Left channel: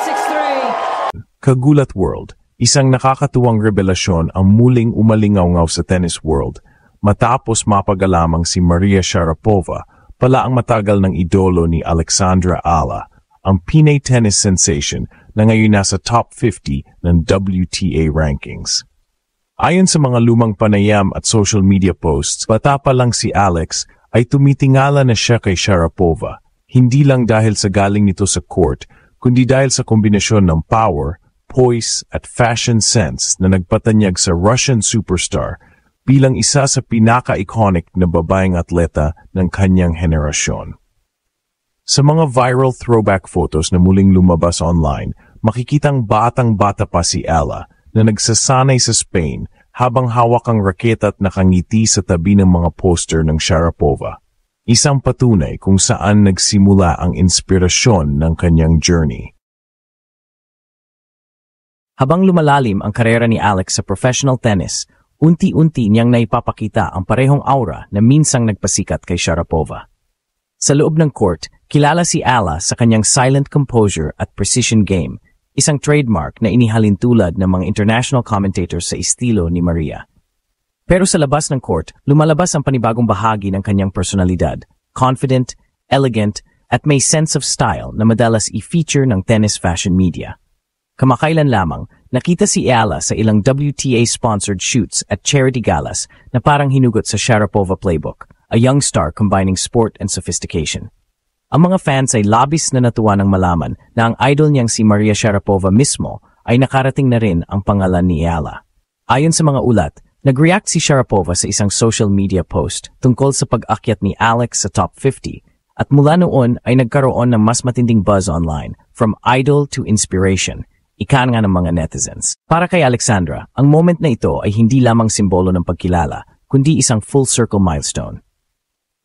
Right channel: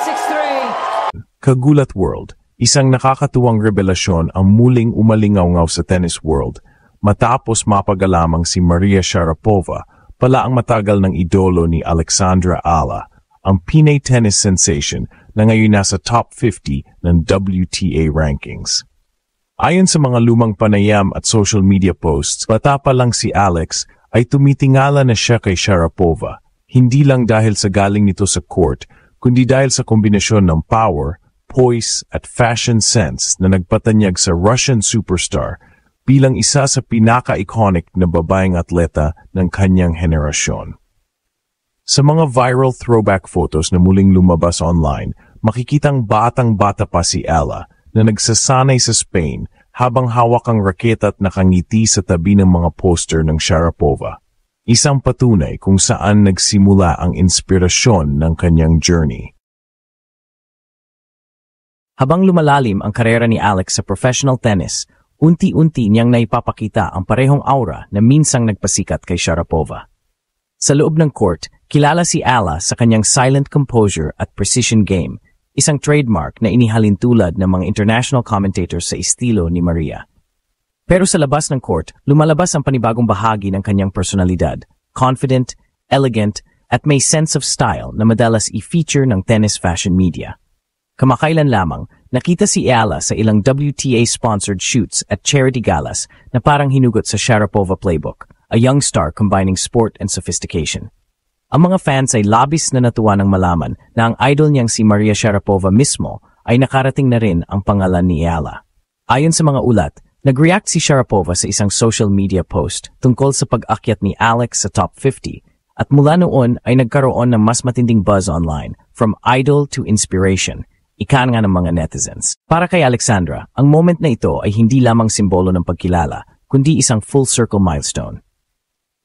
6-3. Kagulat World, isang nakakatuwang revelasyon ang muling umalingaw-ngaw sa tennis world matapos mapagalamang si Maria Sharapova pala ang matagal ng idolo ni Alexandra Ala, ang Pinay tennis sensation na ngayon nasa top 50 ng WTA rankings. Ayon sa mga lumang panayam at social media posts, bata pa lang si Alex ay tumitingala na siya kay Sharapova. Hindi lang dahil sa galing nito sa court, kundi dahil sa kombinasyon ng power, poise at fashion sense na nagpatanyag sa Russian superstar bilang isa sa pinaka-iconic na babaeng atleta ng kanyang henerasyon. Sa mga viral throwback photos na muling lumabas online, makikitang batang-bata pa si Ala na nagsasanay sa Spain habang hawak ang raketa at nakangiti sa tabi ng mga poster ng Sharapova. Isang patunay kung saan nagsimula ang inspirasyon ng kanyang journey. Habang lumalalim ang karera ni Alex sa professional tennis, unti-unti niyang naipapakita ang parehong aura na minsang nagpasikat kay Sharapova. Sa loob ng court, kilala si Ala sa kanyang silent composure at precision game, isang trademark na inihalin tulad ng mga international commentators sa estilo ni Maria. Pero sa labas ng court, lumalabas ang panibagong bahagi ng kanyang personalidad, confident, elegant, at may sense of style na madalas i-feature ng tennis fashion media. Kamakailan lamang, nakita si Ala sa ilang WTA-sponsored shoots at charity galas na parang hinugot sa Sharapova playbook, a young star combining sport and sophistication. Ang mga fans ay labis na natuwa ng malaman na ang idol niyang si Maria Sharapova mismo ay nakarating na rin ang pangalan ni Ala. Ayon sa mga ulat, nag-react si Sharapova sa isang social media post tungkol sa pag-akyat ni Alex sa top 50 at mula noon ay nagkaroon ng mas matinding buzz online from idol to inspiration, ika nga ng mga netizens. Para kay Alexandra, ang moment na ito ay hindi lamang simbolo ng pagkilala, kundi isang full-circle milestone.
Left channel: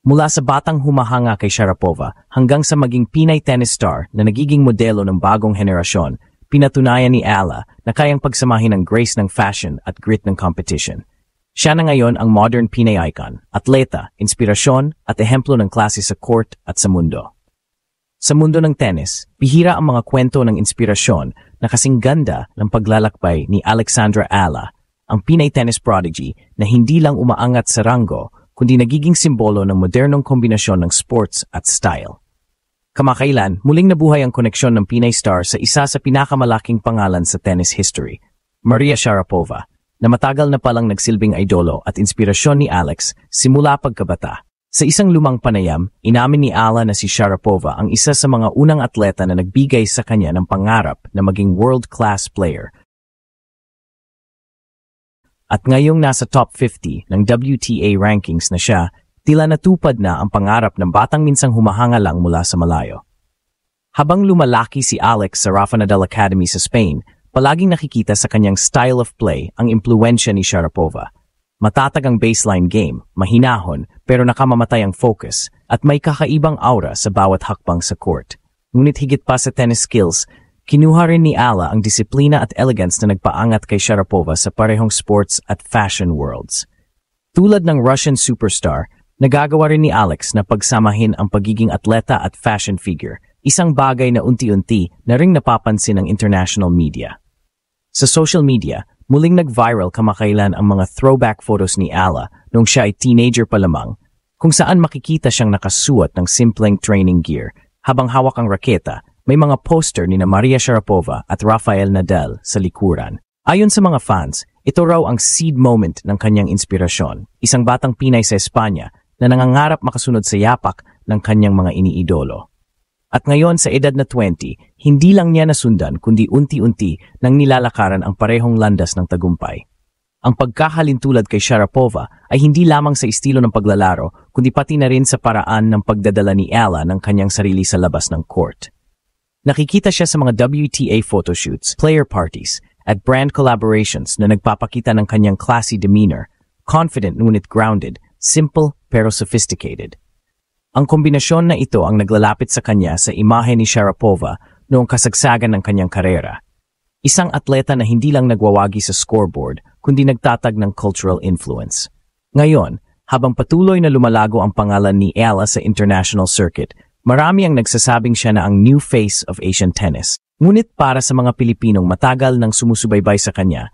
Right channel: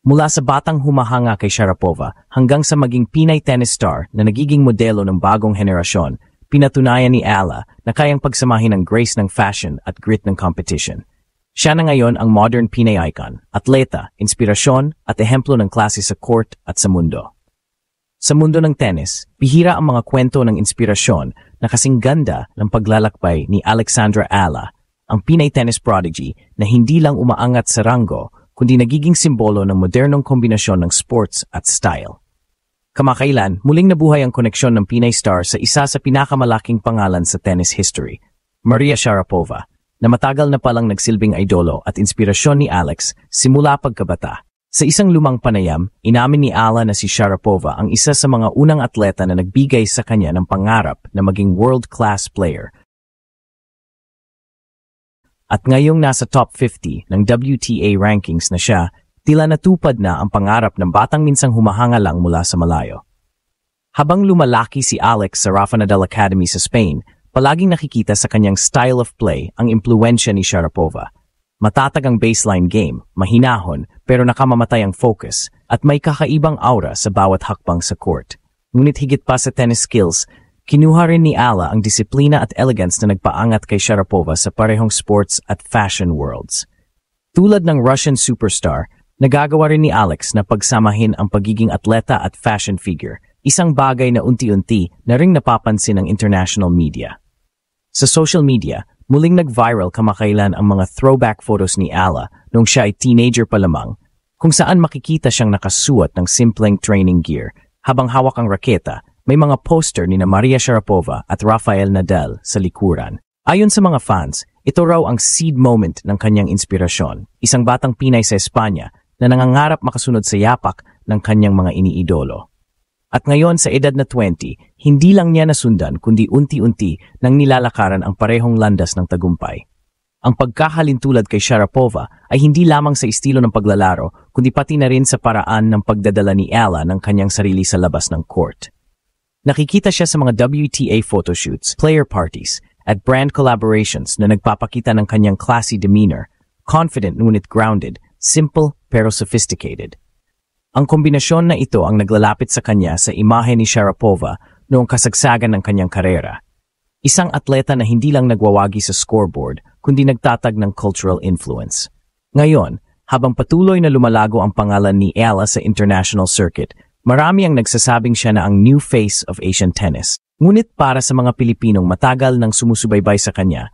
Mula sa batang humahanga kay Sharapova hanggang sa maging Pinay tennis star na nagiging modelo ng bagong henerasyon, pinatunayan ni Ala na kayang pagsamahin ang grace ng fashion at grit ng competition. Siya na ngayon ang modern Pinay icon, atleta, inspirasyon at ehemplo ng klase sa court at sa mundo. Sa mundo ng tennis, bihira ang mga kwento ng inspirasyon na kasing ganda ng paglalakbay ni Alexandra Ala, ang Pinay tennis prodigy na hindi lang umaangat sa ranggo, kundi nagiging simbolo ng modernong kombinasyon ng sports at style. Kamakailan, muling nabuhay ang koneksyon ng Pinay star sa isa sa pinakamalaking pangalan sa tennis history, Maria Sharapova, na matagal na palang nagsilbing idolo at inspirasyon ni Alex simula pagkabata. Sa isang lumang panayam, inamin ni Ala na si Sharapova ang isa sa mga unang atleta na nagbigay sa kanya ng pangarap na maging world-class player. At ngayong nasa top 50 ng WTA rankings na siya, tila natupad na ang pangarap ng batang minsang humahanga lang mula sa malayo. Habang lumalaki si Alex sa Rafa Nadal Academy sa Spain, palaging nakikita sa kanyang style of play ang impluensya ni Sharapova. Matatag ang baseline game, mahinahon pero nakamamatay ang focus at may kakaibang aura sa bawat hakbang sa court. Ngunit higit pa sa tennis skills, kinuha rin ni Ala ang disiplina at elegance na nagpaangat kay Sharapova sa parehong sports at fashion worlds. Tulad ng Russian superstar, nagagawa rin ni Alex na pagsamahin ang pagiging atleta at fashion figure, isang bagay na unti-unti na ring napapansin ng international media. Sa social media, muling nag-viral kamakailan ang mga throwback photos ni Ala nung siya ay teenager pa lamang, kung saan makikita siyang nakasuot ng simpleng training gear habang hawak ang raketa. May mga poster ni Maria Sharapova at Rafael Nadal sa likuran. Ayon sa mga fans, ito raw ang seed moment ng kanyang inspirasyon, isang batang Pinay sa Espanya na nangangarap makasunod sa yapak ng kanyang mga iniidolo. At ngayon sa edad na 20, hindi lang niya nasundan kundi unti-unti nang nilalakaran ang parehong landas ng tagumpay. Ang pagkahalintulad kay Sharapova ay hindi lamang sa estilo ng paglalaro, kundi pati na rin sa paraan ng pagdadala ni Ala ng kanyang sarili sa labas ng court. Nakikita siya sa mga WTA photoshoots, player parties, at brand collaborations na nagpapakita ng kanyang classy demeanor, confident ngunit grounded, simple pero sophisticated. Ang kombinasyon na ito ang naglalapit sa kanya sa imahe ni Sharapova noong kasagsagan ng kanyang karera. Isang atleta na hindi lang nagwawagi sa scoreboard, kundi nagtatag ng cultural influence. Ngayon, habang patuloy na lumalago ang pangalan ni Ala sa international circuit, marami ang nagsasabing siya na ang new face of Asian tennis. Ngunit para sa mga Pilipinong matagal nang sumusubaybay sa kanya,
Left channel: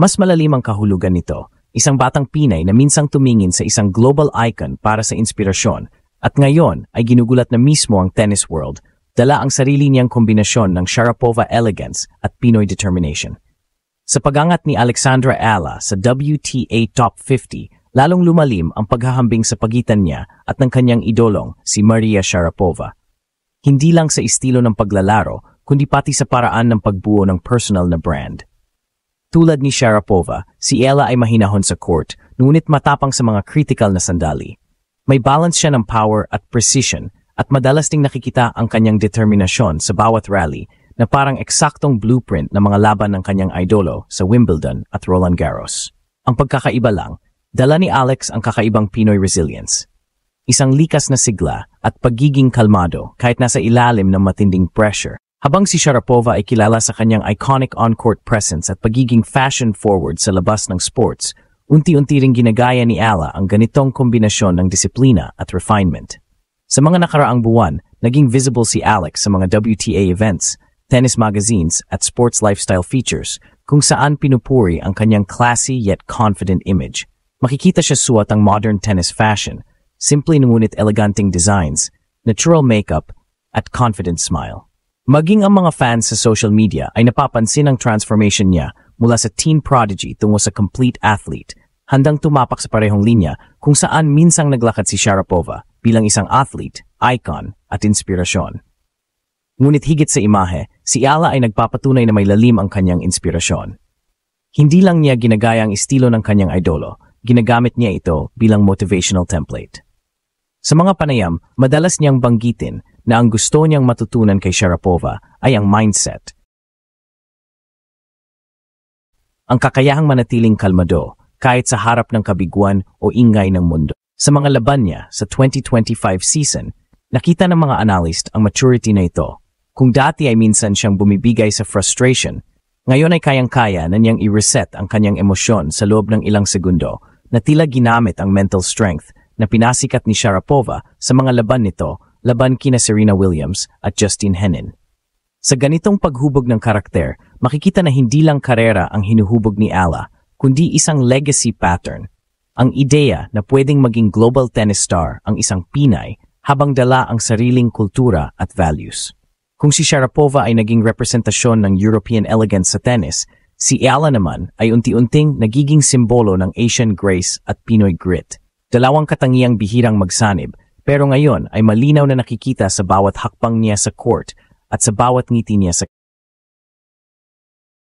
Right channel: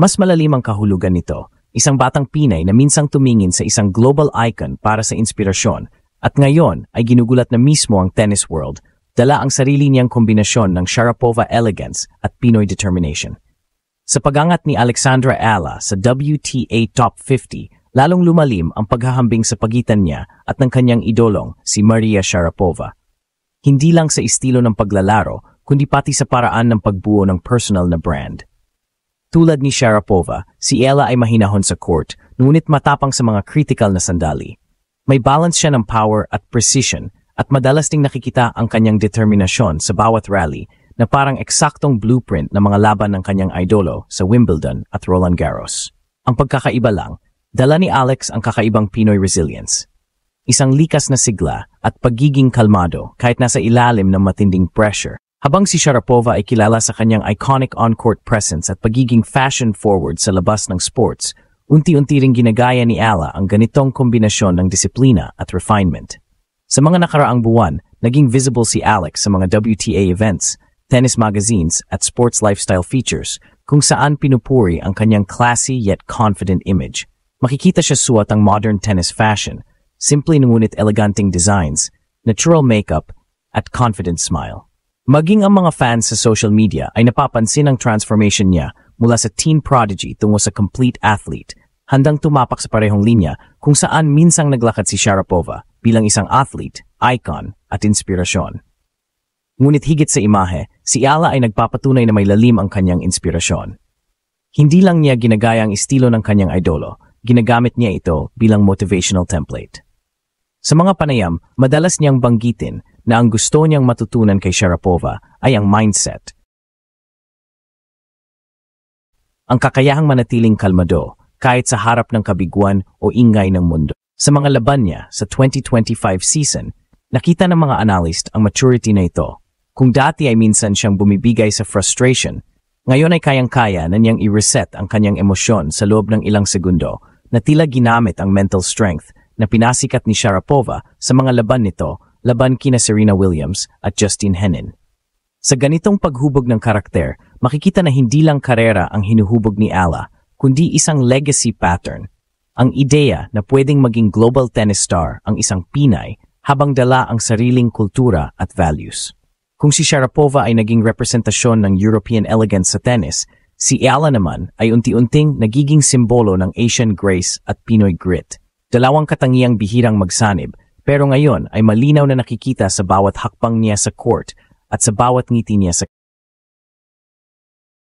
mas malalim ang kahulugan nito. Isang batang Pinay na minsang tumingin sa isang global icon para sa inspirasyon at ngayon ay ginugulat na mismo ang tennis world, dala ang sarili niyang kombinasyon ng Sharapova elegance at Pinoy determination. Sa pagangat ni Alexandra Ala sa WTA Top 50, lalong lumalim ang paghahambing sa pagitan niya at ng kanyang idolong si Maria Sharapova. Hindi lang sa estilo ng paglalaro, kundi pati sa paraan ng pagbuo ng personal na brand. Tulad ni Sharapova, si Ella ay mahinahon sa court, ngunit matapang sa mga critical na sandali. May balance siya ng power at precision at madalas ding nakikita ang kanyang determinasyon sa bawat rally na parang eksaktong blueprint ng mga laban ng kanyang idolo sa Wimbledon at Roland Garros. Ang pagkakaiba lang, dala ni Alex ang kakaibang Pinoy resilience. Isang likas na sigla at pagiging kalmado kahit nasa ilalim ng matinding pressure. Habang si Sharapova ay kilala sa kanyang iconic on-court presence at pagiging fashion-forward sa labas ng sports, unti-unti ring ginagaya ni Ala ang ganitong kombinasyon ng disiplina at refinement. Sa mga nakaraang buwan, naging visible si Alex sa mga WTA events, tennis magazines at sports lifestyle features kung saan pinupuri ang kanyang classy yet confident image. Makikita siya suot ang modern tennis fashion, simple ngunit eleganteng designs, natural makeup at confident smile. Maging ang mga fans sa social media ay napapansin ang transformation niya mula sa teen prodigy tungo sa complete athlete, handang tumapak sa parehong linya kung saan minsang naglakad si Sharapova bilang isang athlete, icon at inspirasyon. Ngunit higit sa imahe, si Ala ay nagpapatunay na may lalim ang kanyang inspirasyon. Hindi lang niya ginagaya ang estilo ng kanyang idolo, ginagamit niya ito bilang motivational template. Sa mga panayam, madalas niyang banggitin na ang gusto niyang matutunan kay Sharapova ay ang mindset. Ang kakayahang manatiling kalmado kahit sa harap ng kabiguan o ingay ng mundo. Sa mga laban niya sa 2025 season, nakita ng mga analyst ang maturity na ito. Kung dati ay minsan siyang bumibigay sa frustration, ngayon ay kayang-kaya na niyang i-reset ang kanyang emosyon sa loob ng ilang segundo na tila ginamit ang mental strength na pinasikat ni Sharapova sa mga laban nito, laban kina Serena Williams at Justin Henin. Sa ganitong paghubog ng karakter, makikita na hindi lang karera ang hinuhubog ni Ala, kundi isang legacy pattern. Ang ideya na pwedeng maging global tennis star ang isang Pinay habang dala ang sariling kultura at values. Kung si Sharapova ay naging representasyon ng European elegance sa tennis, si Ala naman ay unti-unting nagiging simbolo ng Asian grace at Pinoy grit. Dalawang katangiang bihirang magsanib, pero ngayon ay malinaw na nakikita sa bawat hakbang niya sa court at sa bawat ngiti niya sa